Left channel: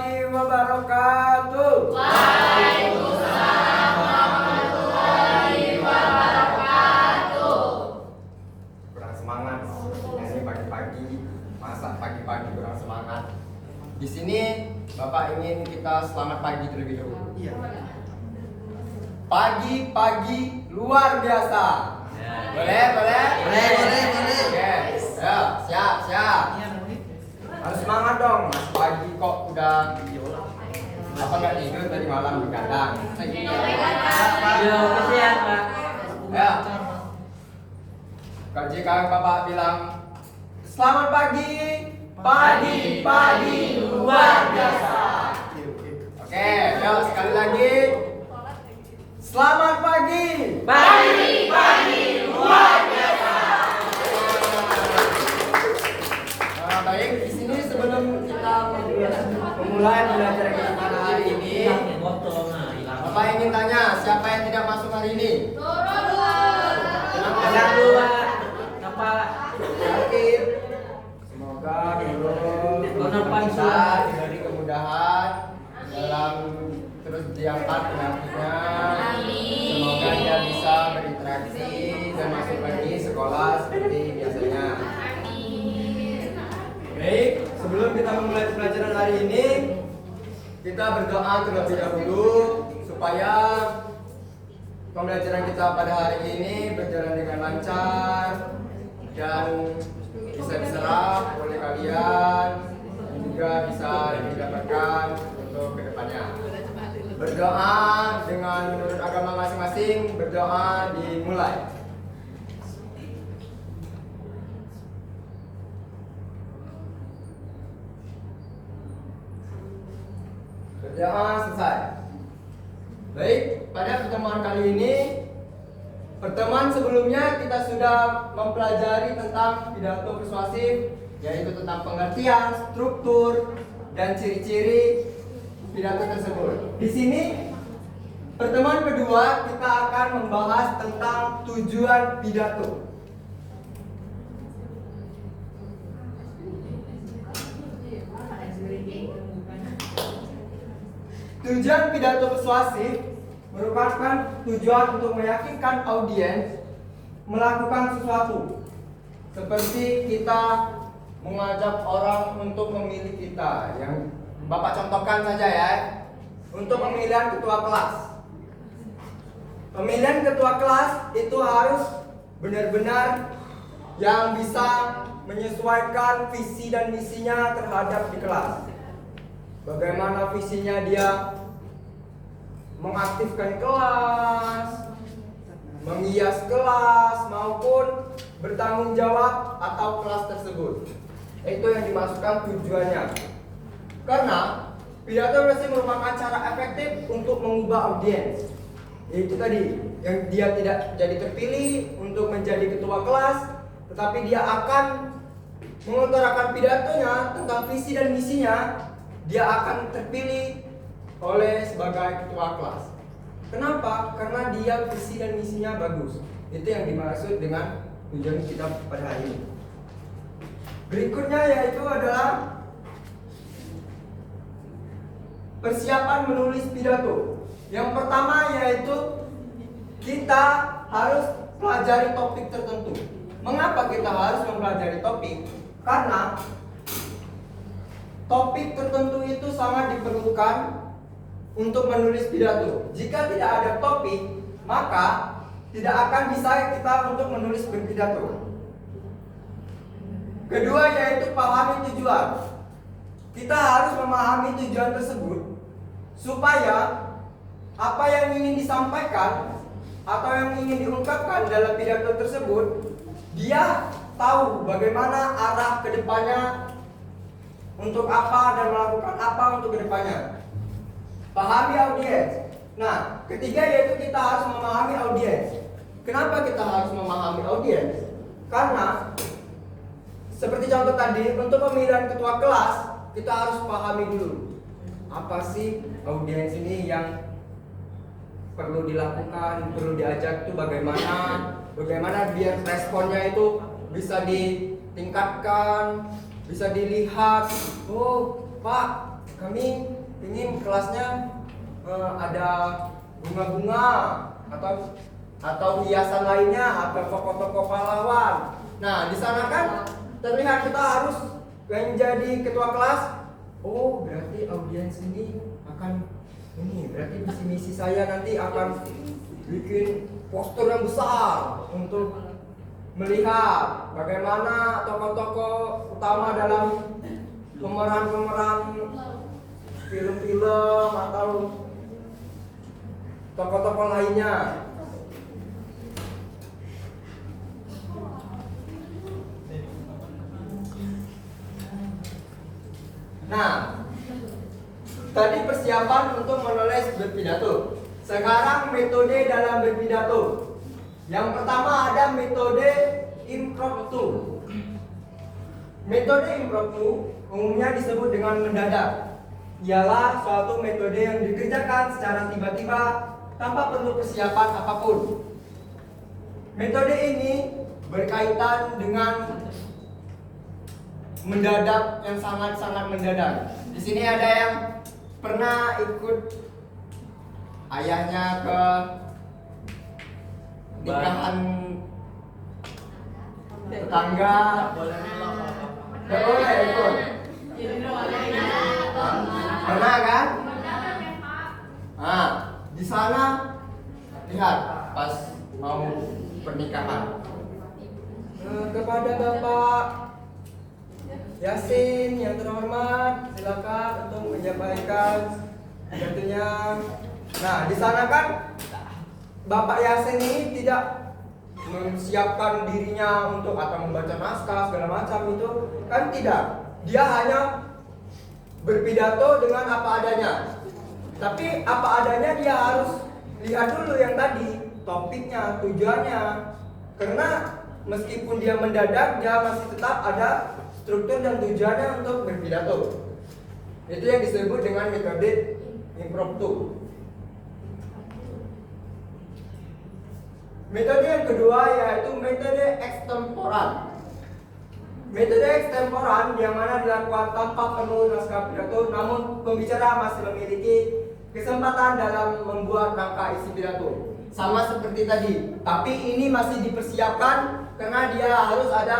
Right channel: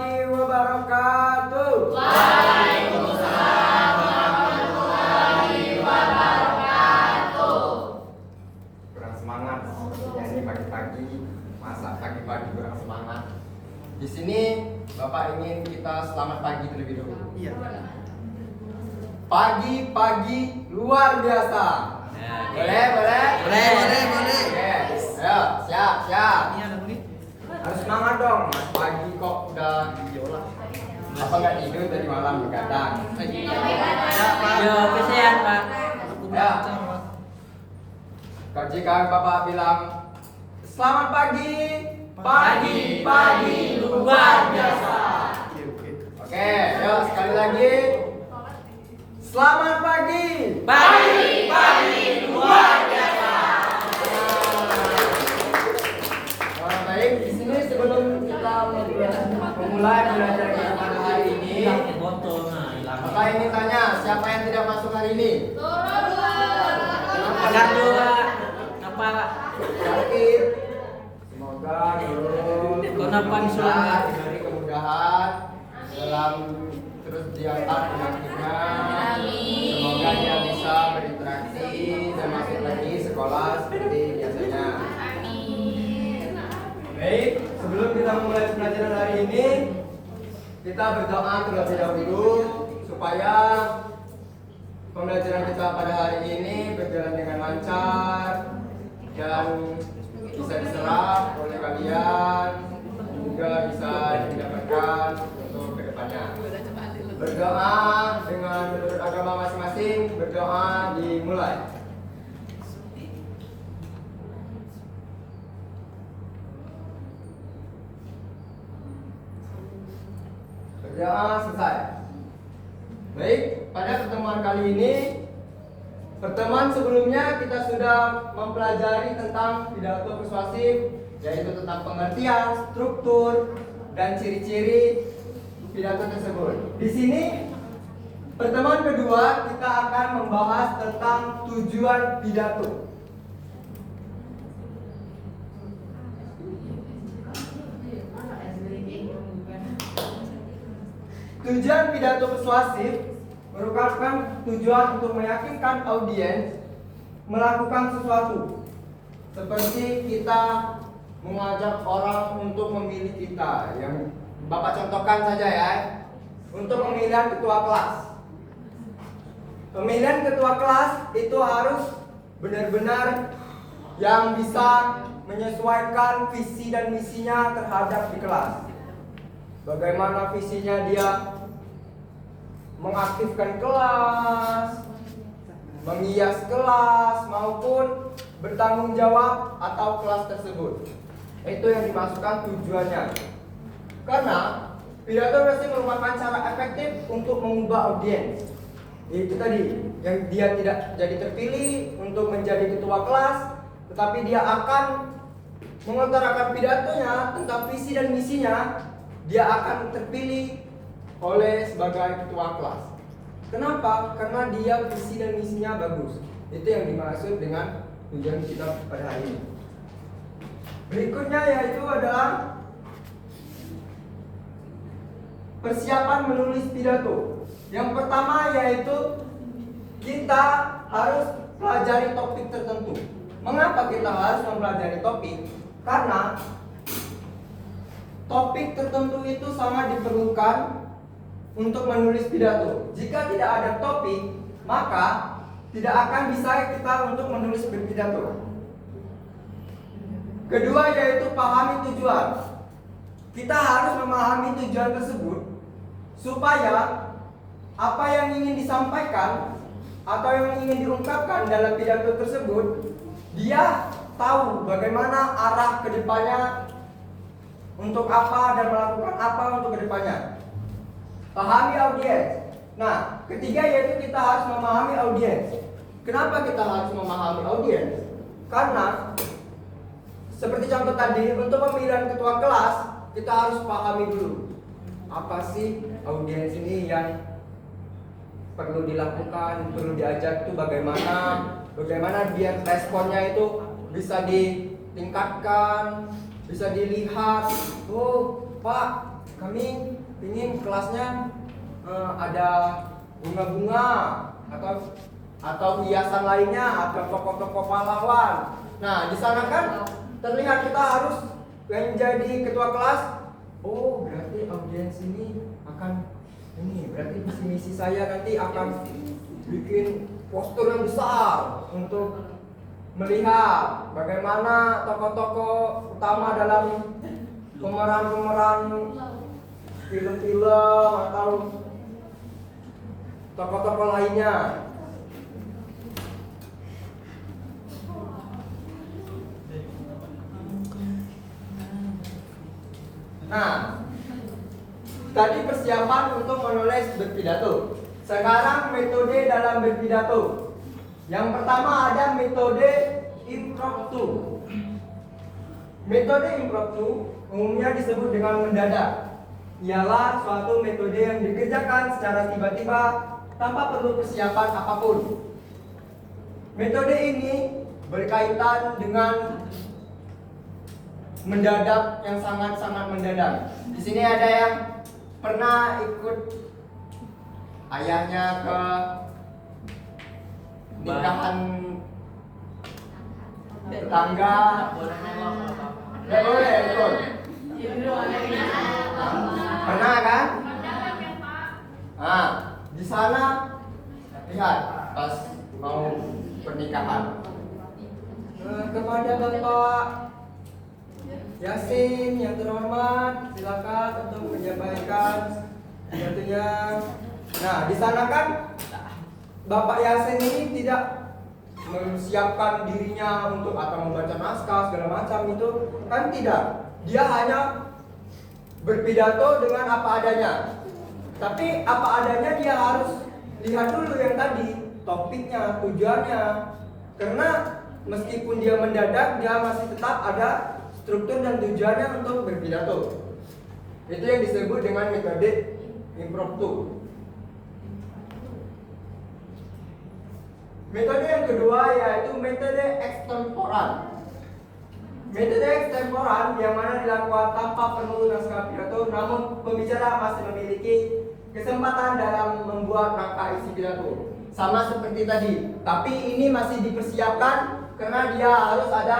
warahmatullahi wabarakatuh. Waalaikumsalam warahmatullahi wabarakatuh. Kurang semangat, nyanyi pagi-pagi, masak pagi-pagi kurang semangat. Di sini Bapak ingin kita selamat pagi terlebih dahulu. Iya. Pagi-pagi luar biasa. Boleh? Boleh. Oke. Ayo, siap. Iya, Nuni. Harus semangat dong. Mas pagi kok udah apa nggak tidur dari malam begadang. Yo, kesian Pak. Ya. Jika Bapak bilang selamat pagi, pagi luar biasa. Oke, ya sekali lagi. Selamat pagi, Pagi luar biasa. Baik, di sini sebelum kita memulai belajar kita pada hari ini, Bapak ingin tanya siapa yang tidak masuk hari ini? Ada dua. Apa? Sakit. Semoga turun Kenapa bisa diberi kemudahan dalam terus diangkat penyakitnya. Semoga dia bisa berinteraksi dan masuk lagi sekolah seperti biasanya. Baik, sebelum kita memulai pelajaran hari ini, kita berdoa terlebih dahulu supaya pembelajaran kita pada hari ini berjalan dengan lancar dan bisa diserap oleh kalian dan juga bisa didapatkan untuk kedepannya. Berdoa dengan menurut agama masing-masing, berdoa dimulai. Berdoa selesai. Baik, pada pertemuan kali ini, pertemuan sebelumnya kita sudah mempelajari tentang pidato persuasif, yaitu tentang pengertian, struktur, dan ciri-ciri pidato tersebut. Di sini, pertemuan kedua kita akan membahas tentang tujuan pidato. Tujuan pidato persuasif merupakan tujuan untuk meyakinkan audiens melakukan sesuatu. Seperti kita mengajak orang untuk memilih kita, yang Bapak contohkan saja ya, untuk pemilihan ketua kelas. Pemilihan ketua kelas itu harus benar-benar yang bisa menyesuaikan visi dan misinya terhadap di kelas. Bagaimana visinya dia mengaktifkan kelas, menghias kelas, maupun bertanggung jawab atau kelas tersebut. Itu yang dimaksudkan tujuannya. Karena pidato pasti merupakan cara efektif untuk mengubah audiens. Itu tadi, yang dia tidak jadi terpilih untuk menjadi ketua kelas, tetapi dia akan mengutarakan pidatonya tentang visi dan misinya. Dia akan terpilih oleh sebagai ketua kelas. Kenapa? Karena dia visi dan misinya bagus. Itu yang dimaksud dengan tujuan kita pada hari ini. Berikutnya yaitu adalah persiapan menulis pidato. Yang pertama yaitu kita harus pelajari topik tertentu. Mengapa kita harus mempelajari topik? Karena topik tertentu itu sangat diperlukan untuk menulis pidato. Jika tidak ada topik, maka tidak akan bisa kita untuk menulis berpidato. Kedua yaitu pahami tujuan. Kita harus memahami tujuan tersebut supaya apa yang ingin disampaikan atau yang ingin diungkapkan dalam pidato tersebut, dia tahu bagaimana arah kedepannya, untuk apa dan melakukan apa untuk kedepannya. Pahami audiens. Nah, ketiga yaitu kita harus memahami audiens. Kenapa kita harus memahami audiens? Karena seperti contoh tadi, untuk pemilihan ketua kelas kita harus pahami dulu apa sih audiens ini yang perlu dilakukan, perlu diajak itu bagaimana biar responnya itu bisa ditingkatkan, bisa dilihat. Oh Pak, kami ingin kelasnya ada bunga-bunga atau hiasan lainnya atau tokoh-tokoh pahlawan. Nah, di sana kan terlihat kita harus menjadi ketua kelas. Oh, berarti audiens ini akan berarti misi saya nanti akan bikin poster yang besar untuk melihat bagaimana tokoh-tokoh utama dalam pemeran-pemeran film-film atau tokoh-tokoh lainnya. Nah, tadi persiapan untuk menulis berpidato. Sekarang metode dalam berpidato. Yang pertama ada metode impromptu. Metode impromptu umumnya disebut dengan mendadak. Ialah suatu metode yang dikerjakan secara tiba-tiba tanpa perlu persiapan apapun. Metode ini berkaitan dengan mendadak yang sangat-sangat mendadak. Di sini ada yang pernah ikut ayahnya ke nikahan tetangga. Nggak boleh ikut. Pernah kan? Nah, di sana lihat pas mau pernikahan. Kepada Bapak Yasin yang terhormat, silakan untuk menyampaikan pidatonya. Nah, di sana kan Bapak Yasin ini tidak mempersiapkan dirinya untuk atau membaca naskah segala macam itu kan tidak. Dia hanya berpidato dengan apa adanya. Tapi apa adanya dia harus lihat dulu yang tadi topiknya, tujuannya. Karena meskipun dia mendadak, dia masih tetap ada struktur dan tujuannya untuk berpidato. Itu yang disebut dengan metode impromptu. Metode yang kedua yaitu metode ekstemporan. Metode ekstemporan yang mana dilakukan tanpa perlu naskah pidato, namun pembicara masih memiliki kesempatan dalam membuat rangka isi pidato. Sama seperti tadi, tapi ini masih dipersiapkan karena dia harus ada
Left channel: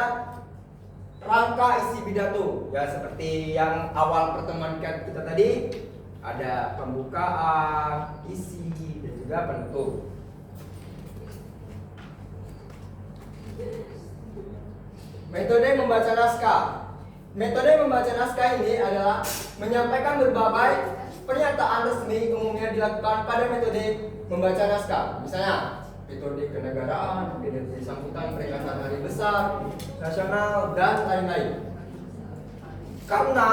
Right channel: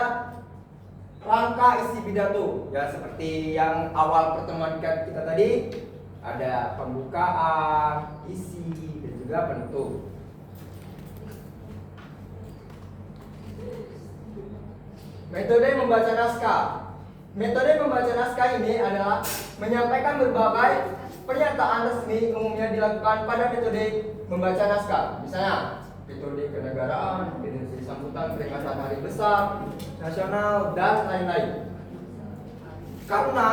rangka isi pidato. Ya seperti yang awal pertemuan kita tadi, ada pembukaan, isi, dan juga penutup. Metode membaca naskah. Metode membaca naskah ini adalah menyampaikan berbagai pernyataan resmi umumnya dilakukan pada metode membaca naskah. Misalnya, metode kenegaraan, metode sambutan peringatan hari besar, nasional, dan lain-lain. Karena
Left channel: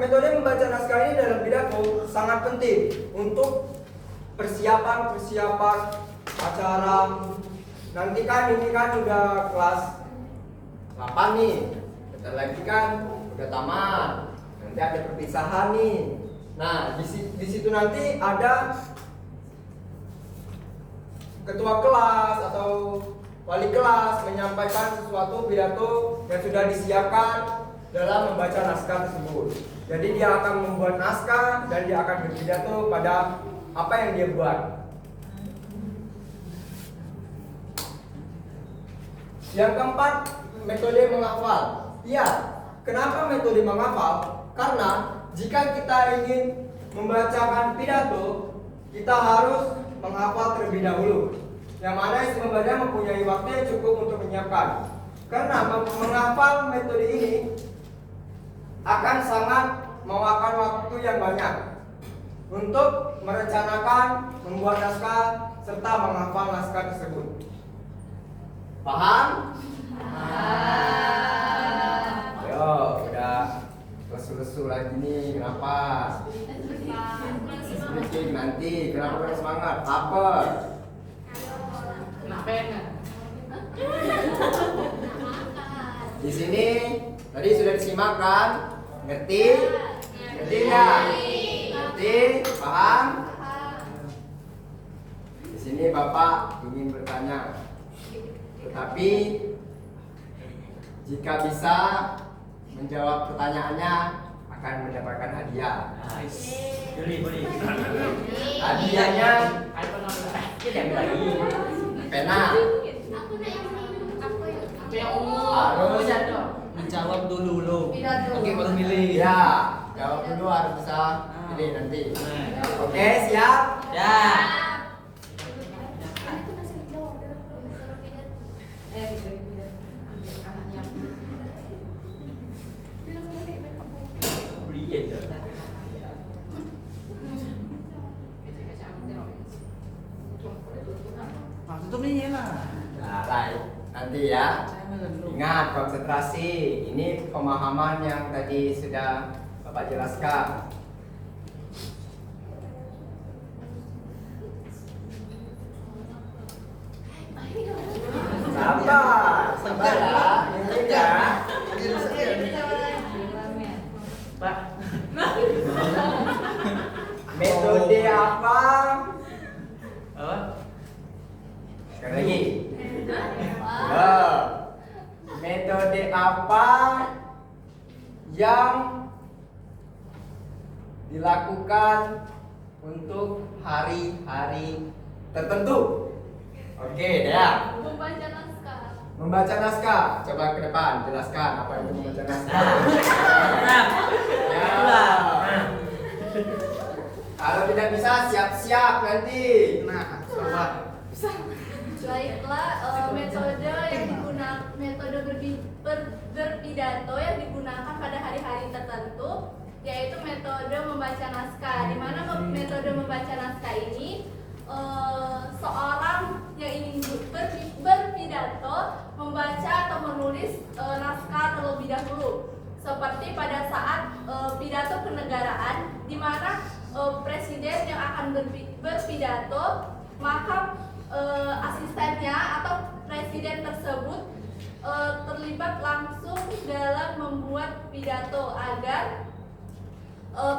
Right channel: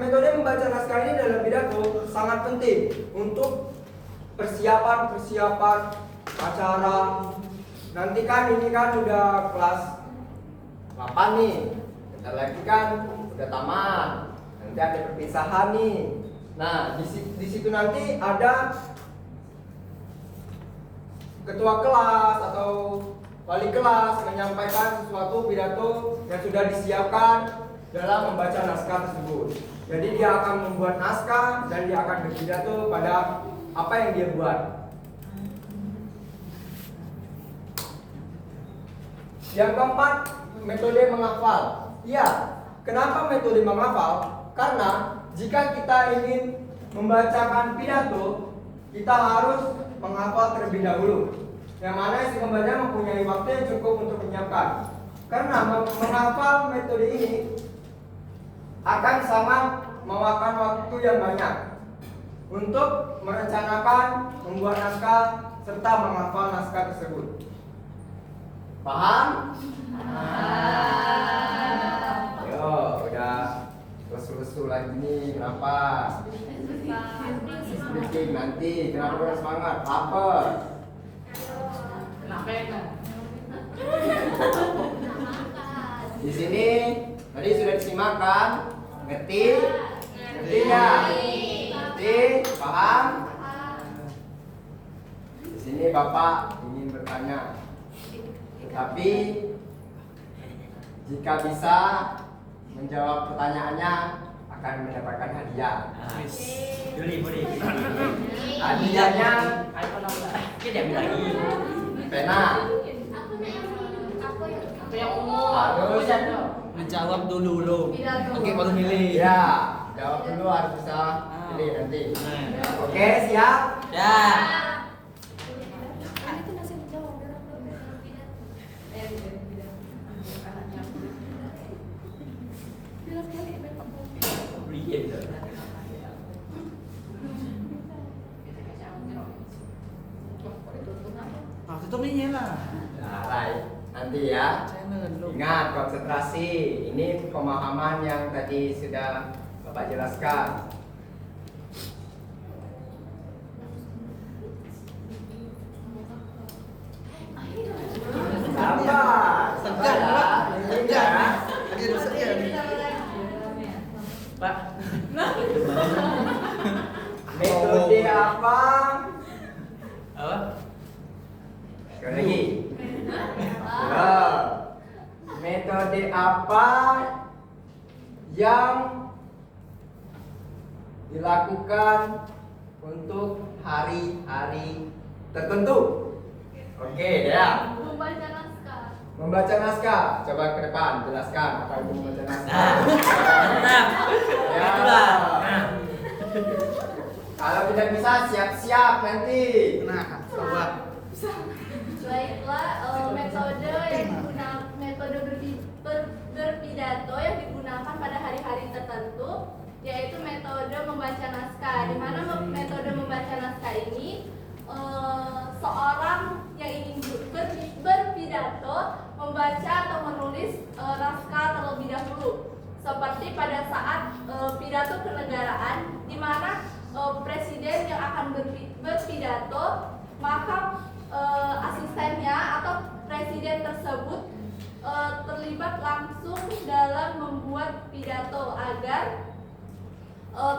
metode membaca naskah ini dalam pidato sangat penting untuk persiapan acara. Nanti kan ini kan udah kelas 8 nih, bentar lagi kan udah tamat, nanti ada perpisahan nih. Nah di situ nanti ada ketua kelas atau wali kelas menyampaikan sesuatu pidato yang sudah disiapkan dalam membaca naskah tersebut. Jadi dia akan membuat naskah dan dia akan berpidato pada apa yang dia buat. Yang keempat, metode menghafal. Ya, kenapa metode menghafal? Karena jika kita ingin membacakan pidato, kita harus menghafal terlebih dahulu. Yang mana si pembaca mempunyai waktu yang cukup untuk menyiapkan. Karena menghafal metode ini akan sangat memakan waktu yang banyak untuk merencanakan, membuat naskah, serta menghafal naskah tersebut. Paham? Yo, udah lesu-lesu lagi nih, kenapa? Speaking nanti, kenapa udah semangat? Lapar? Kenapa ya? Di sini tadi sudah disimak kan? Ngerti? Ngerti ya? Ngerti? Paham? Di sini Bapak ingin bertanya. Tetapi jika bisa menjawab pertanyaannya akan mendapatkan hadiah. Boleh. Hadiahnya iPhone 6. Kita ambil lagi. pena. Apa yang umum? Harus. Menjawab dulu. Oke, baru milih. Ya, jawab dulu harus bisa pilih nanti. Oke, siap? Ya. Itu nih lah. Nah, right. Nanti ya. Ingat konsentrasi. Ini pemahaman yang tadi sudah Bapak jelaskan. Sabar ya. Ini ya. Pak. Metode apa? Apa? Sekali lagi. Ya. Metode apa yang dilakukan untuk hari-hari tertentu? Oke, ya. Membaca naskah. Membaca naskah. Coba ke depan jelaskan apa itu membaca naskah. Mantap. Ya. Itulah. Nah. Kalau tidak bisa siap-siap nanti. Nah, coba. Baiklah, metode yang digunakan berpidato yang digunakan pada hari-hari tertentu yaitu metode membaca naskah. Di mana metode membaca naskah ini seorang yang ingin berpidato membaca atau menulis naskah terlebih dahulu. Seperti pada saat pidato kenegaraan, di mana presiden yang akan berpidato, maka asistennya atau presiden tersebut terlibat langsung dalam membuat pidato agar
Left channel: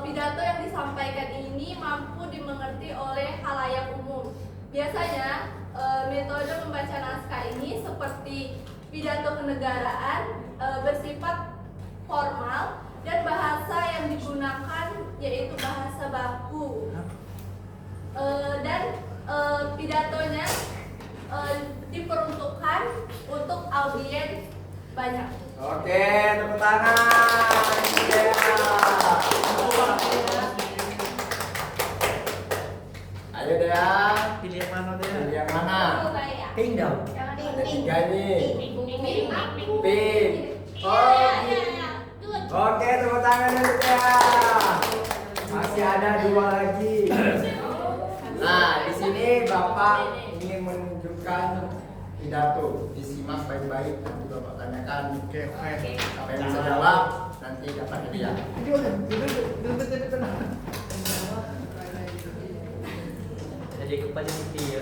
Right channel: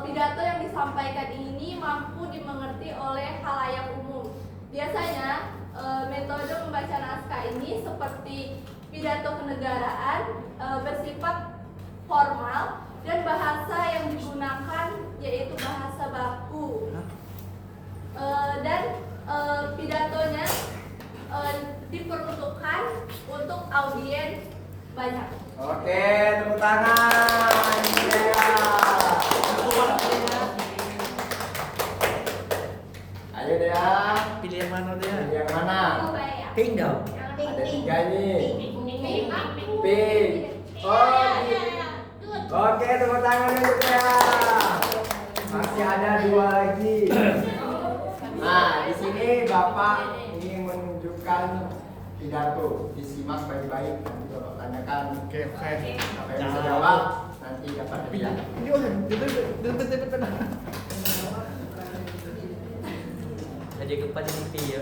pidato yang disampaikan ini mampu dimengerti oleh khalayak umum. Biasanya metode membaca naskah ini seperti pidato kenegaraan bersifat formal dan bahasa yang digunakan yaitu bahasa baku. Dan pidatonya diperuntukkan untuk audiens banyak. Oke, tepuk tangan. Ya. Ayo Dea. Pilih yang mana dia? Pilih yang mana? Pink dong. Ada tiga ini. Pink. Iya. Oke, tepuk tangan untuk Dea. Masih ada dua lagi. Nah, di sini Bapak ingin menunjukkan pidato. Disimak baik-baik, nanti Bapak tanyakan. Oke. Apa yang bisa jawab, nanti dapat hadiah. Jadi kepada dia.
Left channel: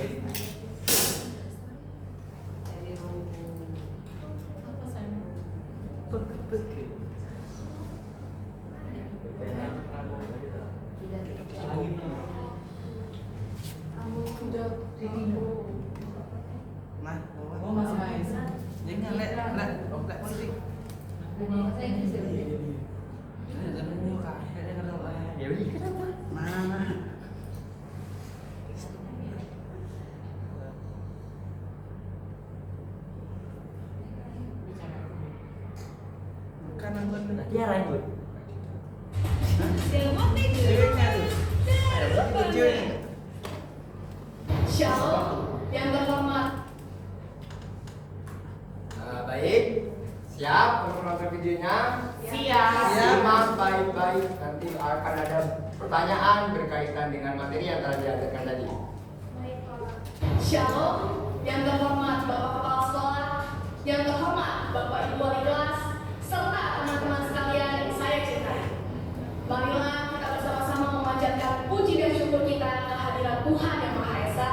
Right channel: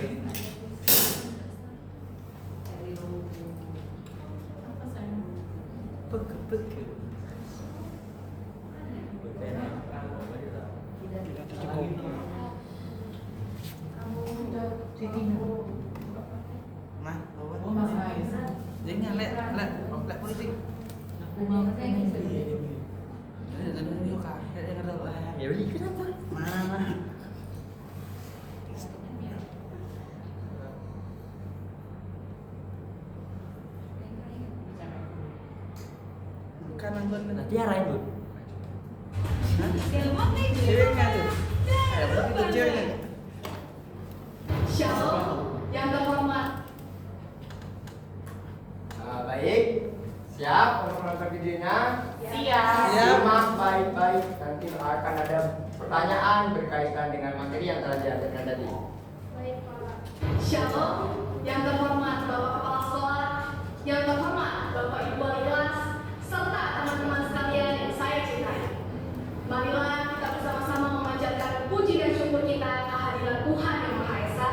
Ya beli kenapa? Mana? Bukan nanti arah itu. Shalom yang terhormat. Baik, siap untuk menonton videonya. Siap. Simak baik-baik, nanti akan ada pertanyaan berkaitan dengan materi yang telah diajarkan tadi. Shalom yang terhormat Bapak Kepala Sekolah, yang terhormat Bapak Ibu Wali kelas, serta teman-teman sekalian yang saya cintai. Marilah kita bersama-sama memanjatkan puji dan syukur kita kehadiran Tuhan yang Maha Esa,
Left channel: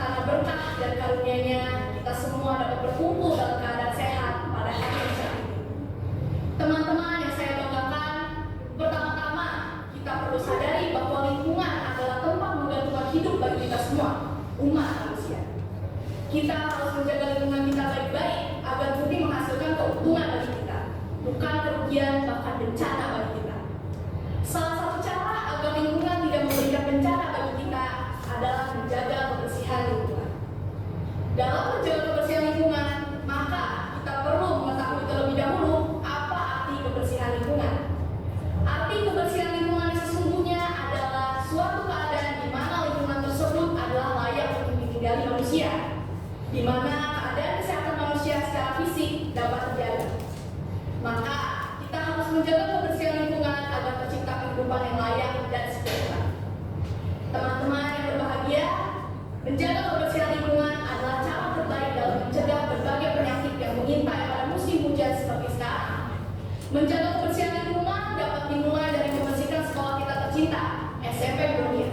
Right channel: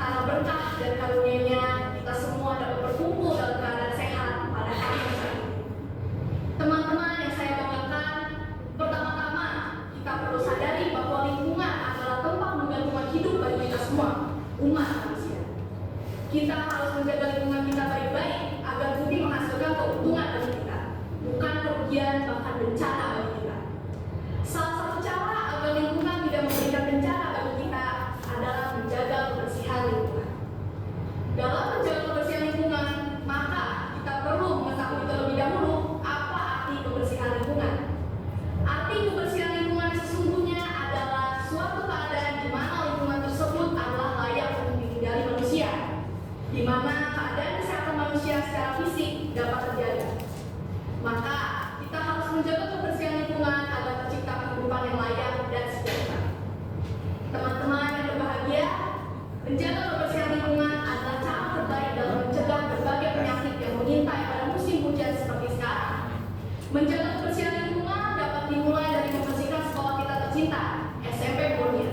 karena berkah dan karunia-Nya kita semua dapat berkumpul dalam keadaan sehat pada hari yang cerah ini. Teman-teman yang saya banggakan, pertama-tama kita perlu sadari bahwa lingkungan adalah tempat menggantungkan hidup bagi kita semua, umat manusia. Kita harus menjaga lingkungan kita baik-baik agar bumi menghasilkan keuntungan bagi kita, bukan kerugian bahkan bencana bagi kita. tercinta, SMP Mulia.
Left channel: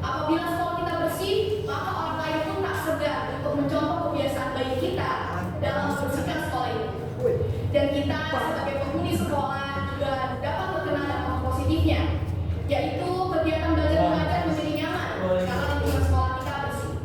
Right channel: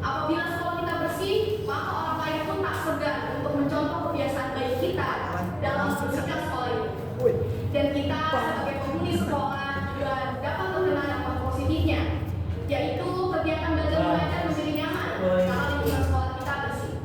Apabila sekolah kita bersih, maka orang lain pun tak segan untuk mencontoh kebiasaan baik kita dalam membersihkan sekolah ini. Dan kita sebagai penghuni sekolah juga dapat terkena dampak positifnya, yaitu kegiatan belajar mengajar menjadi nyaman karena lingkungan sekolah kita bersih.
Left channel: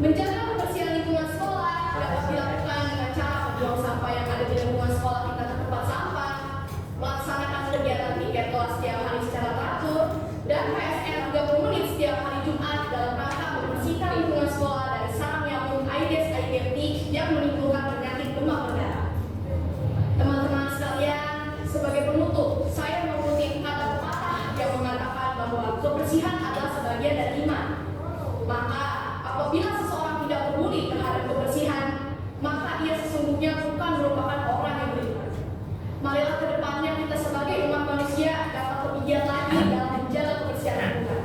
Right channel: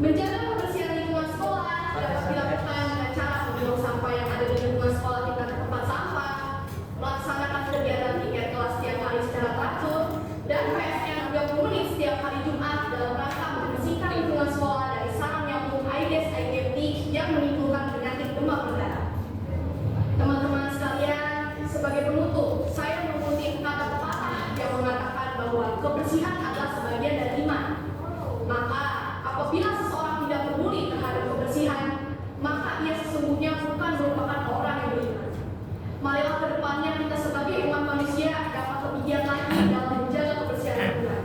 Menjaga kebersihan lingkungan sekolah dapat dilakukan dengan cara membuang sampah yang ada di lingkungan sekolah kita ke tempat sampah, melaksanakan kegiatan piket kelas setiap hari secara teratur, dan PSN 30 menit setiap hari Jumat dalam rangka membersihkan lingkungan sekolah dari sarang nyamuk Aedes aegypti yang menimbulkan penyakit demam berdarah. Teman-teman sekalian, sebagai penutup, saya mengutip kata pepatah yang mengatakan bahwa kebersihan adalah sebagian dari iman. Maka apabila seseorang tidak peduli terhadap kebersihan, maka ia sesungguhnya bukan merupakan orang yang beriman. Marilah ke depannya kita sebagai umat manusia dapat lebih giat lagi dalam menjaga kebersihan lingkungan.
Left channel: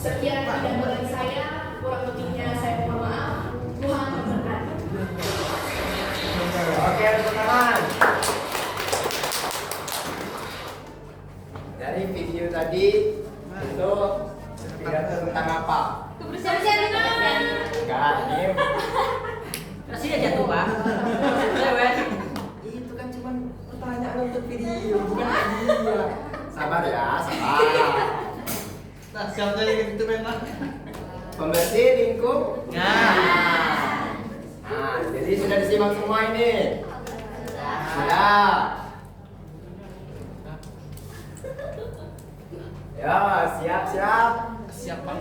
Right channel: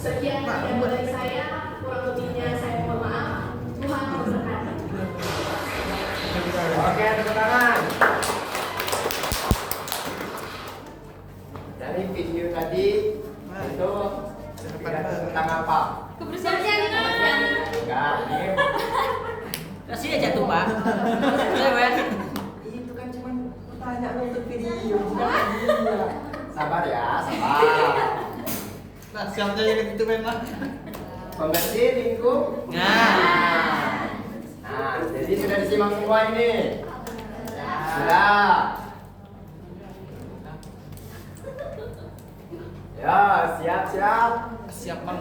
Sekian yang dari saya, kurang lebihnya saya mohon maaf. Tuhan memberkati. Oke, tepuk tangan. Dari video tadi itu pidato tentang apa? Kebersihan lingkungan. Enggak, ini Kasih aja tuh Pak. Ayo Pak. itu kan cuma pertanyaan untuk video, bukan hadiah. Sabar ya, sabar. Nah, siapa yang itu memang? Pembersih lingkup. Nah, jadi sudah disimak semua ini. Sudah. Ya, siap-siap. Siapa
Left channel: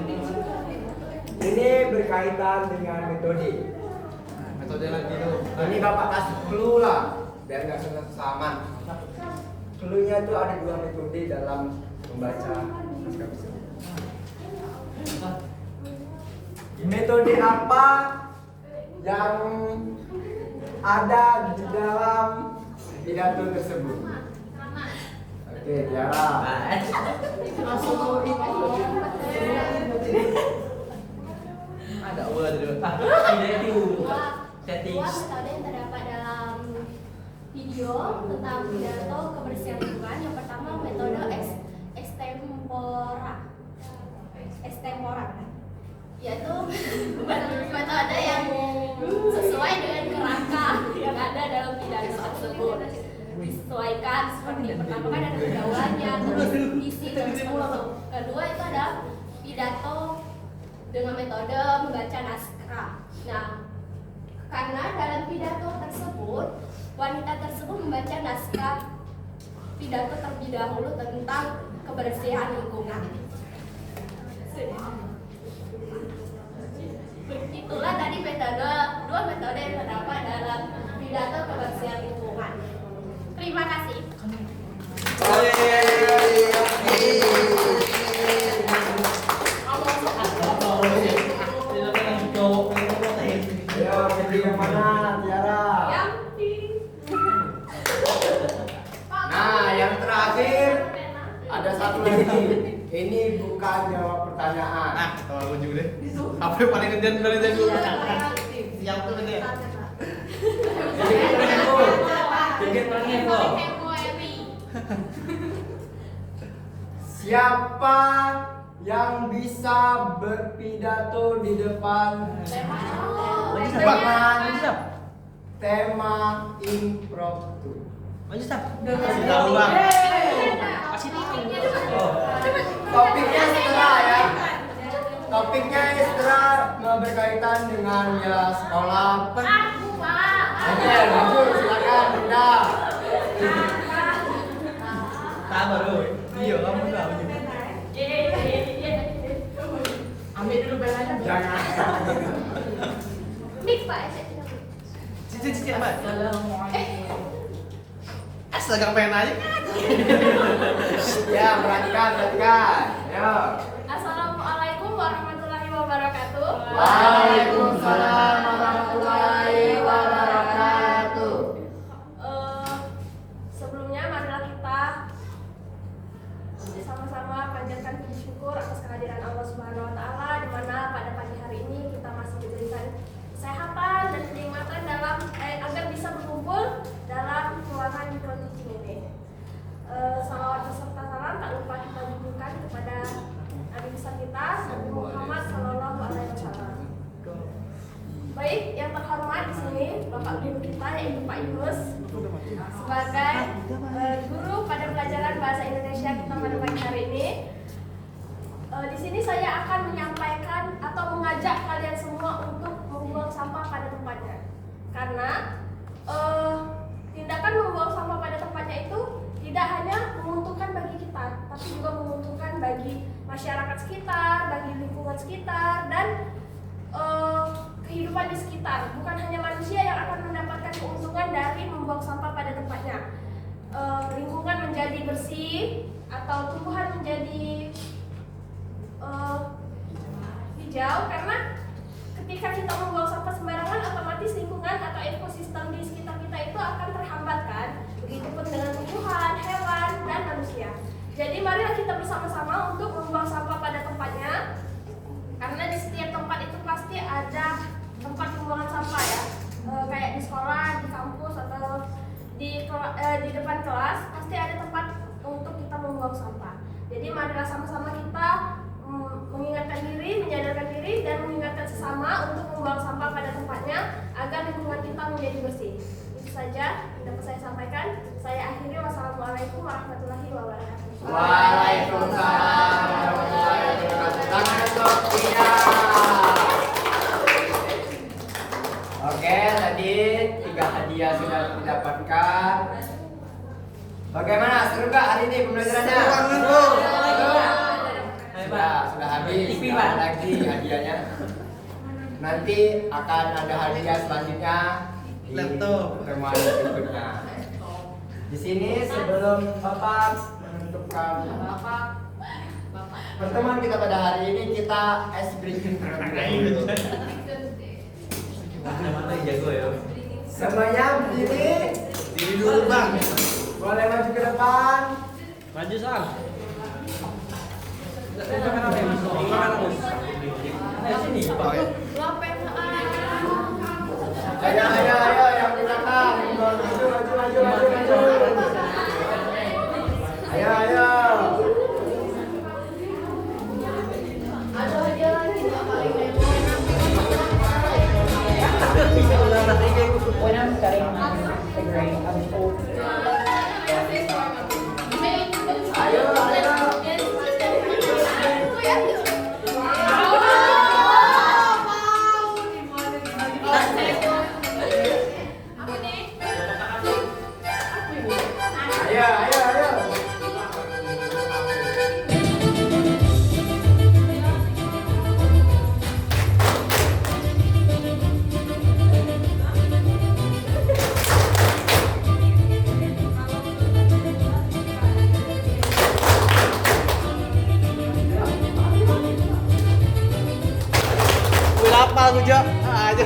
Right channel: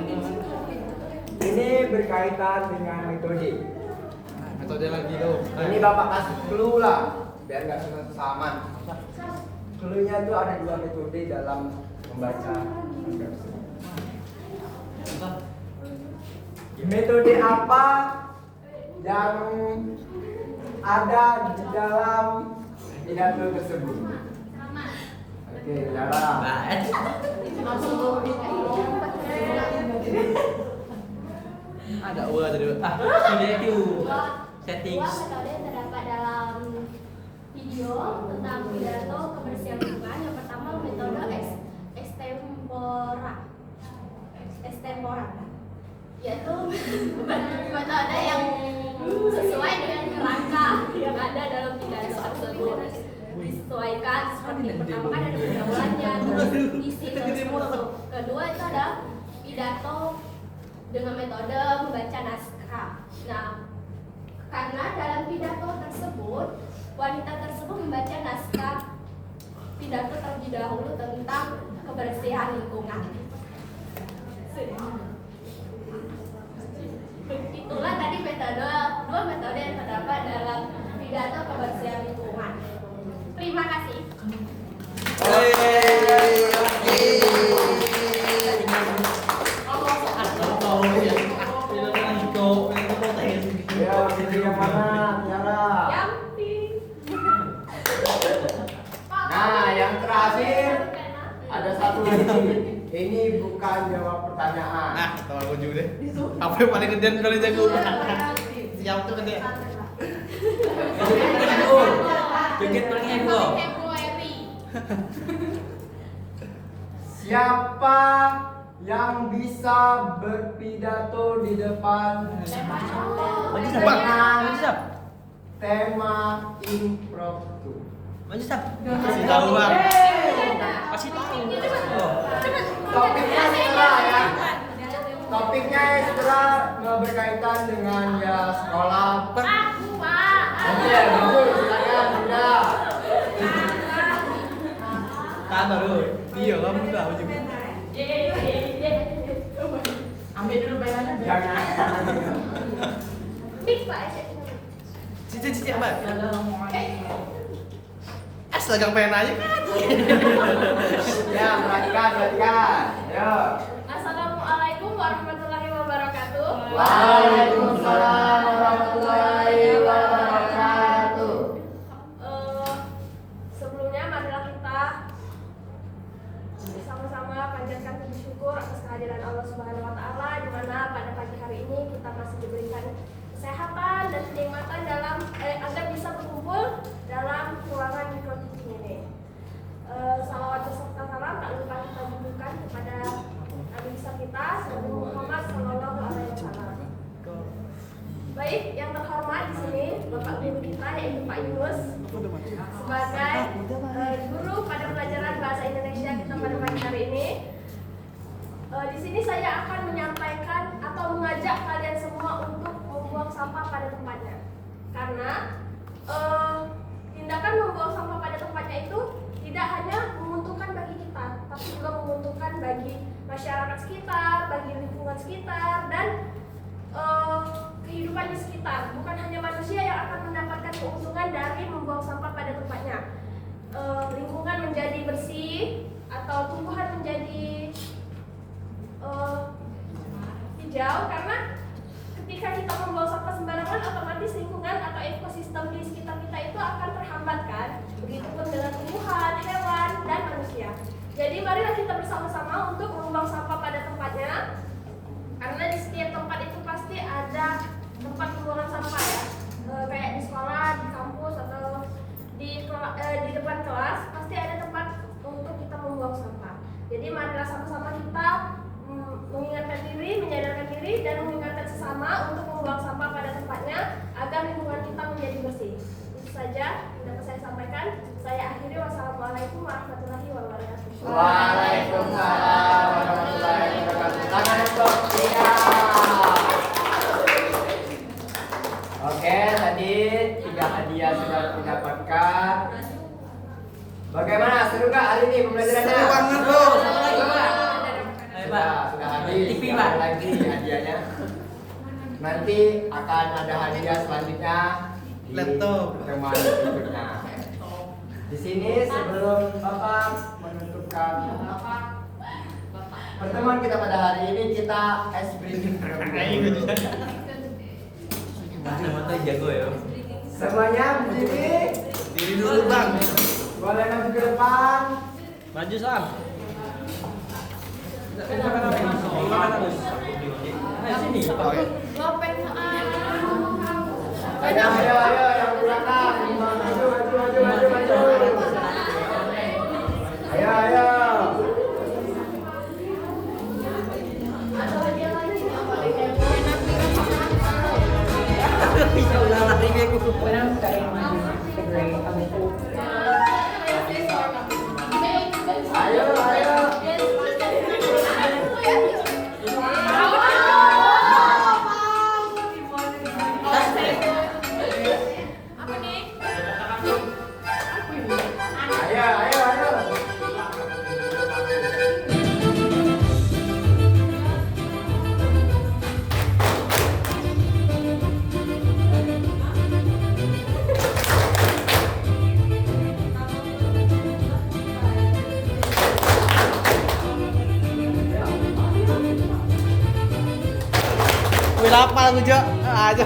Ini berkaitan dengan metode. metode lagi lo? Ini Bapak kasih clue lah, biar nggak kesamaan. Clue-nya tuh ada 2 metode dalam membaca naskah tersebut. Metode apa yang ada di dalam pidato tersebut? Oke, Tiara. Ada ulah dulu. Ini itu setting. Dua metode yang terdapat dalam video tentang pidato kebersihan lingkungan. Yang pertama metode extempora, yaitu metode yang sesuai dengan kerangka yang ada dalam pidato tersebut. Disesuaikan seperti pertama kan ada pergaulannya, terus isi dan struktur. Kedua itu ada pidato dengan metode membaca naskah. Nah, karena dalam pidato tersebut wanita tersebut membaca naskah pidato terlebih dahulu tentang kebersihan lingkungan. Itulah tadi dua metode yang terdapat dalam pidato kebersihan lingkungan. Terima kasih. Ya, video yang mana, Tiara? Yang Nah, yang terakhir ada satu lagi. Ini bukan jawab pertanyaan. Nah, tahu aku juga deh. Apa yang paling gedean kali jago? Siapa tuh gede? Dikit paling lo. Siapa yang bisa berpidato di depan dengan tema impromptu? Tahu bang. Kasih Topiknya setelah ya. Topiknya setelah mau berkaitan dengan ya sekolah. Aku, Pak. Oke, lanjut silakan Bunda. Sabar lu. Iya, kamu enggak juga. Ambil dulu penanya. Jangan. Mix, Pak. Cici Mbak. Astaga pengen aja kan. Ya, perhatikan. Yo. Assalamualaikum warahmatullahi wabarakatuh. Waalaikumsalam warahmatullahi wabarakatuh. Sebelumnya marilah kita sama-sama panjatkan puji syukur atas kehadiran Allah Subhanahu wa taala di mana pada pagi hari ini kita masih diberikan kesehatan dan kenikmatan dalam agar bisa berkumpul dalam ruangan mikro teaching ini. Salawat beserta salam tak lupa kita akan menyampaikan atau mengajak kalian semua untuk membuang sampah pada tempatnya. Karena tindakan membuang sampah pada tempatnya itu tidak hanya menguntungkan bagi kita, tapi juga menguntungkan bagi masyarakat sekitar, bagi lingkungan sekitar, dan kehidupan di sekitar. Bukan hanya manusia yang akan mendapatkan keuntungan dari membuang sampah pada tempatnya. Lingkungan menjadi bersih atau tumbuhan menjadi hijau, karena ketika kita membuang sampah sembarangan, otomatis lingkungan atau ekosistem di sekitar kita itu akan terhambat kan. Begitupun dengan tumbuhan, hewan, dan manusia. Jadi marilah kita bersama-sama untuk membuang sampah pada tempatnya. Karena di setiap tempat itu pasti ada tempat pembuangan sampah ya. Kayak di sekolah, di kampus, atau di depan kelas pasti ada tempat untuk kita membuang sampah. Jadi marilah sama-sama kita mengingatkan diri, menyadarkan diri, dan mengingatkan sesama untuk membuang sampah pada tempatnya agar lingkungan kita menjadi bersih. Itu saja yang dapat saya sampaikan. Saya akhiri. Wassalamualaikum warahmatullahi wabarakatuh. Waalaikumsalam warahmatullahi wabarakatuh. Tangan untuk Tia. Oke, tadi 3 hadiah sudah didapatkan. Bagaimana? Seru gak hari ini pembelajarannya? Sudah habis. Tidak ada lagi hadiahnya. Nanti akan ada hadiah selanjutnya di pertemuan berikutnya. Di sini sebelum Bapak menentukan pertemuan kita pada hari ini, kita ice breaking dulu. Semuanya berdiri. Diri dulu bang. Boleh maju ke depan. Maju Sam. Ayo yang di belakang. Maju. Ayo. When I'm studying the grade, I was told Ayo. Udah apa aja? Aja.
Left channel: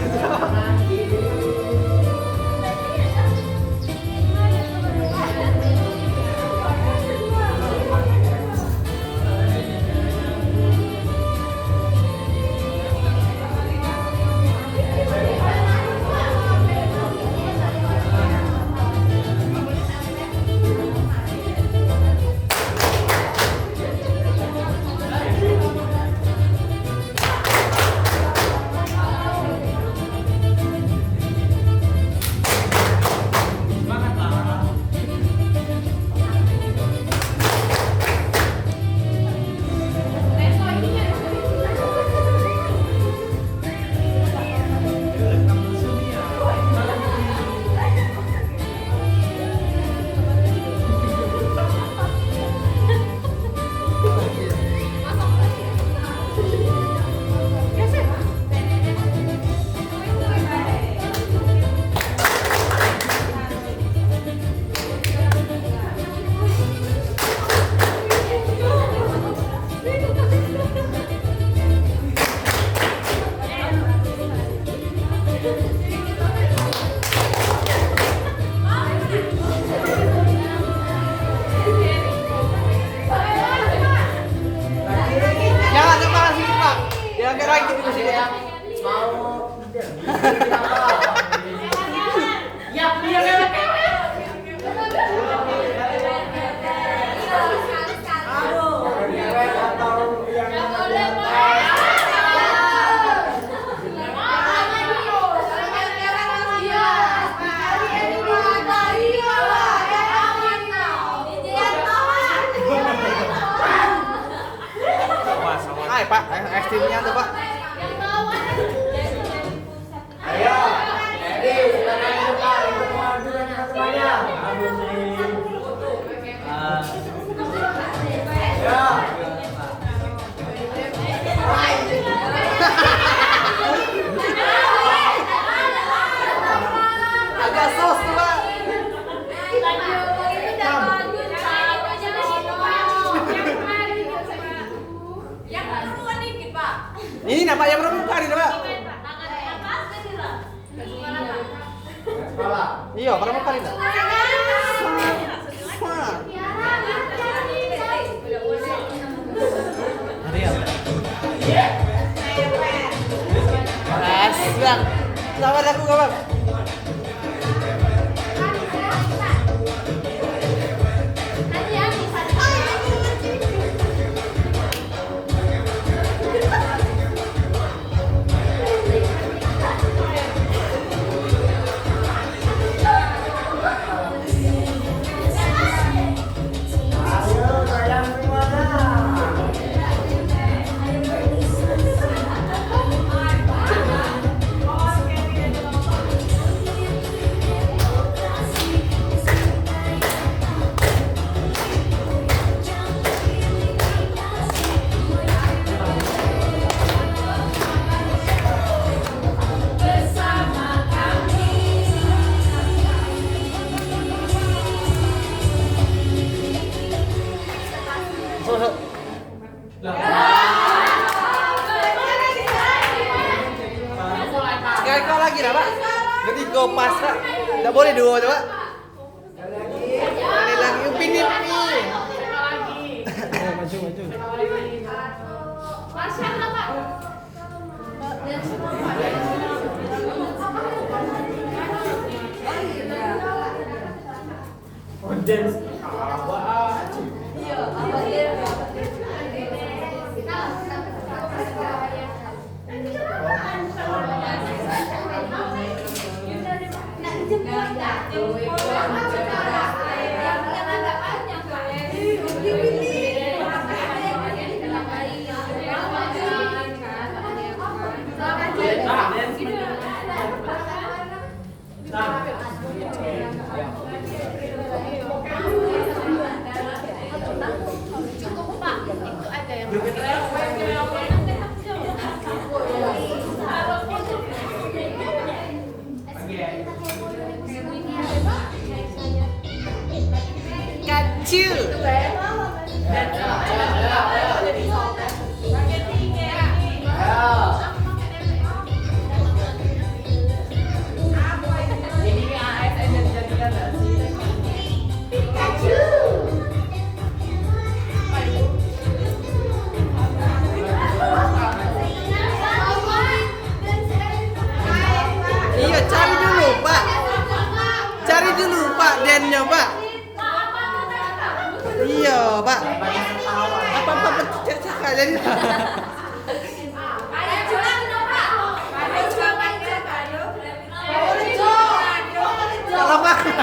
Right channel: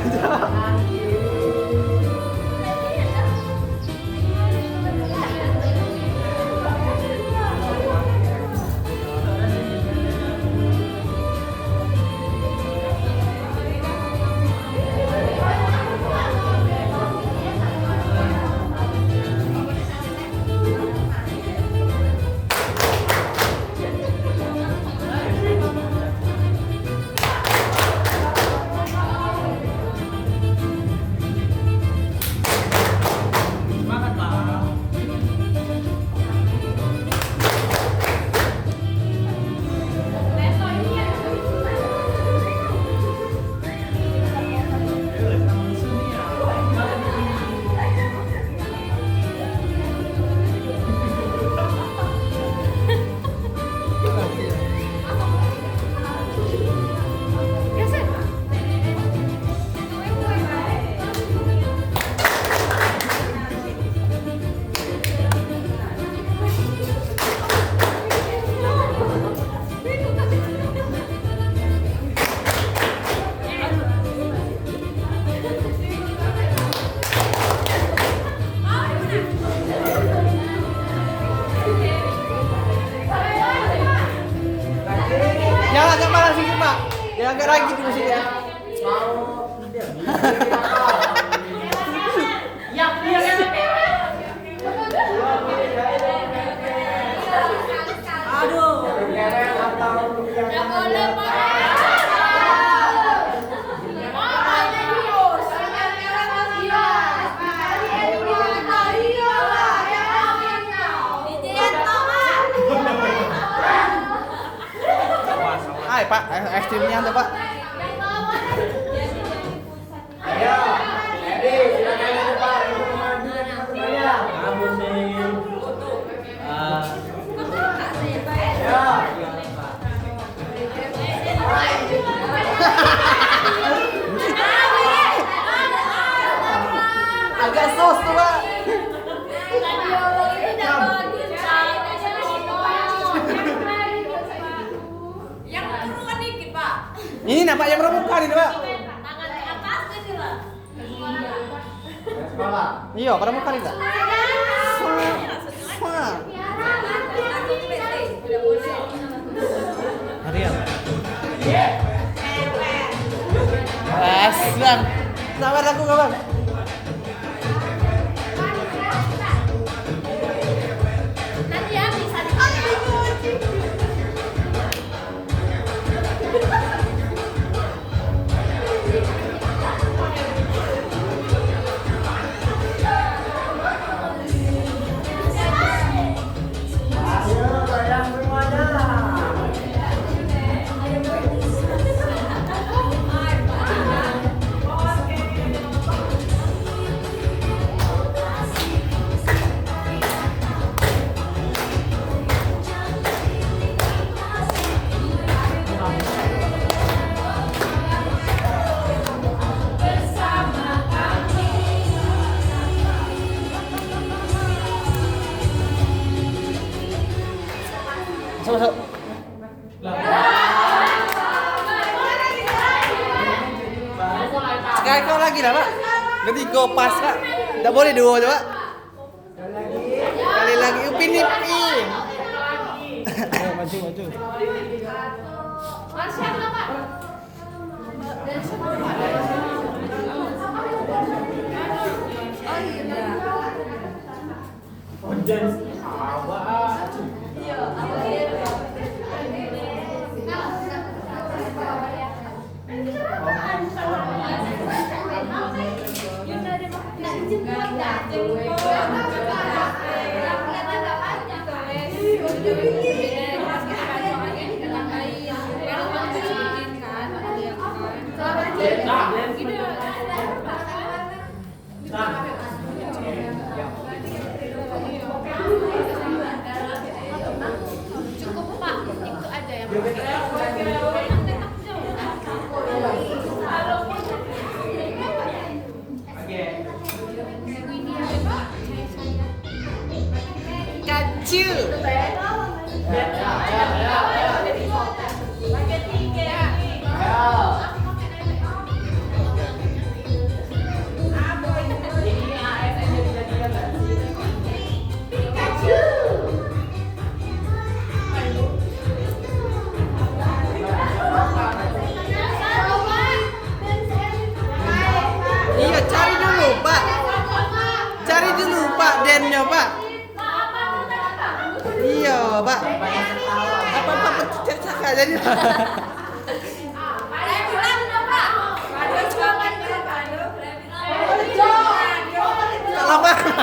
Pak. Steamnya tuh Pak. Yang bawah. Ayo, jadi silakan ke depan untuk mengajukan teman-temannya. Ya. Agak sos tuh Pak. Tadi ngomongin udah lanjut, aja yang keruan dikit, Pak. Ini Pak yang rebukan ini Pak. Tangan ke atas jadi lah. Sekolah. Iya, rebukan ini Pak. Siang. Sabar aku kawan. Nanti ya bisa Ayo kalian semuanya. Masuk. Sekali lagi dah Pak. Jadi go pas Pak. Tak boleh dua aja Pak. Sekali lagi upin upin. Ayo maju maju. Masya Allah, Pak. Audience awak. Cukup, Pak. Itu ada yang Kacau. Iya, cari dulu Pak. Cari dulu Pak dennya Pak. Iya Pak. Apa cek jadi. Kalau mana?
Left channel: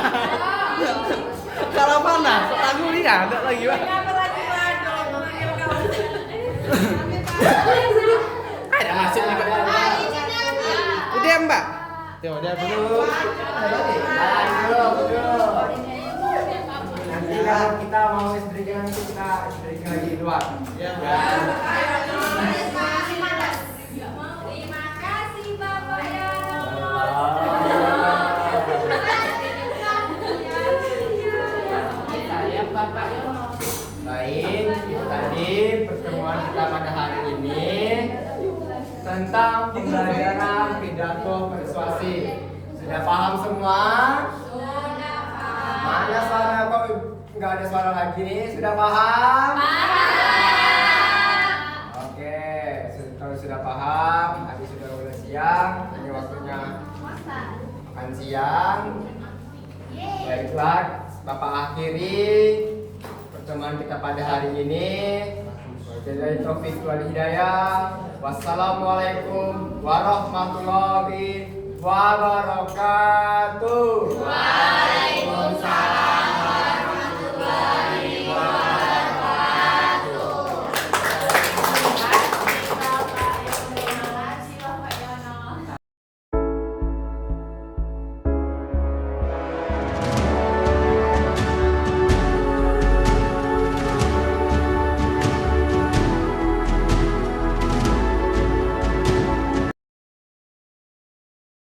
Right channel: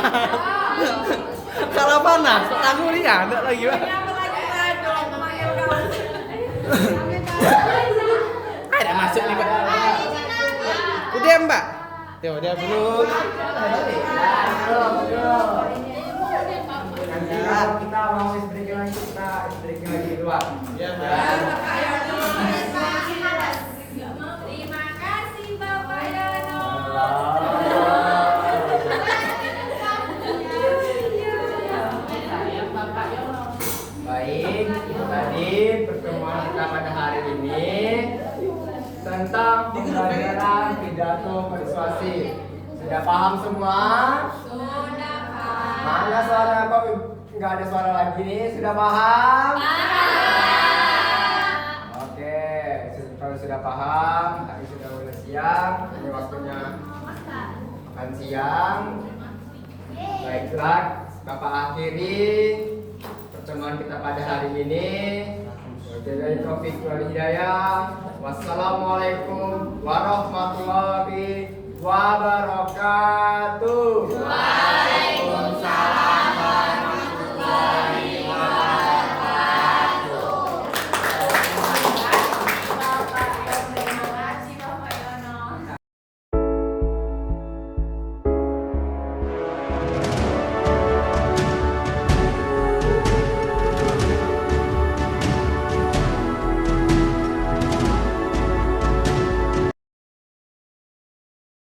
Kalau mana? Aku lihat ada lagi Pak. Ada masuk nih Pak. Udah Mbak. Ya udah dulu. Nanti kan kita mau breaking lagi, kita breaking lagi di luar. Terima kasih Bapak ya. Baik, tadi pertemuan kita pada hari ini tentang pembelajaran pidato persuasi. Sudah paham semua? Sudah, Pak. Mana suara kok nggak ada suara lagi nih? Sudah paham? Oke, kalau sudah paham, tadi sudah mulai siang, ini waktunya makan siang. Baiklah, Bapak akhiri pertemuan kita pada hari ini. Wabillahi taufiq wal hidayah. Wassalamualaikum warahmatullahi wabarakatuh. Waalaikumsalam.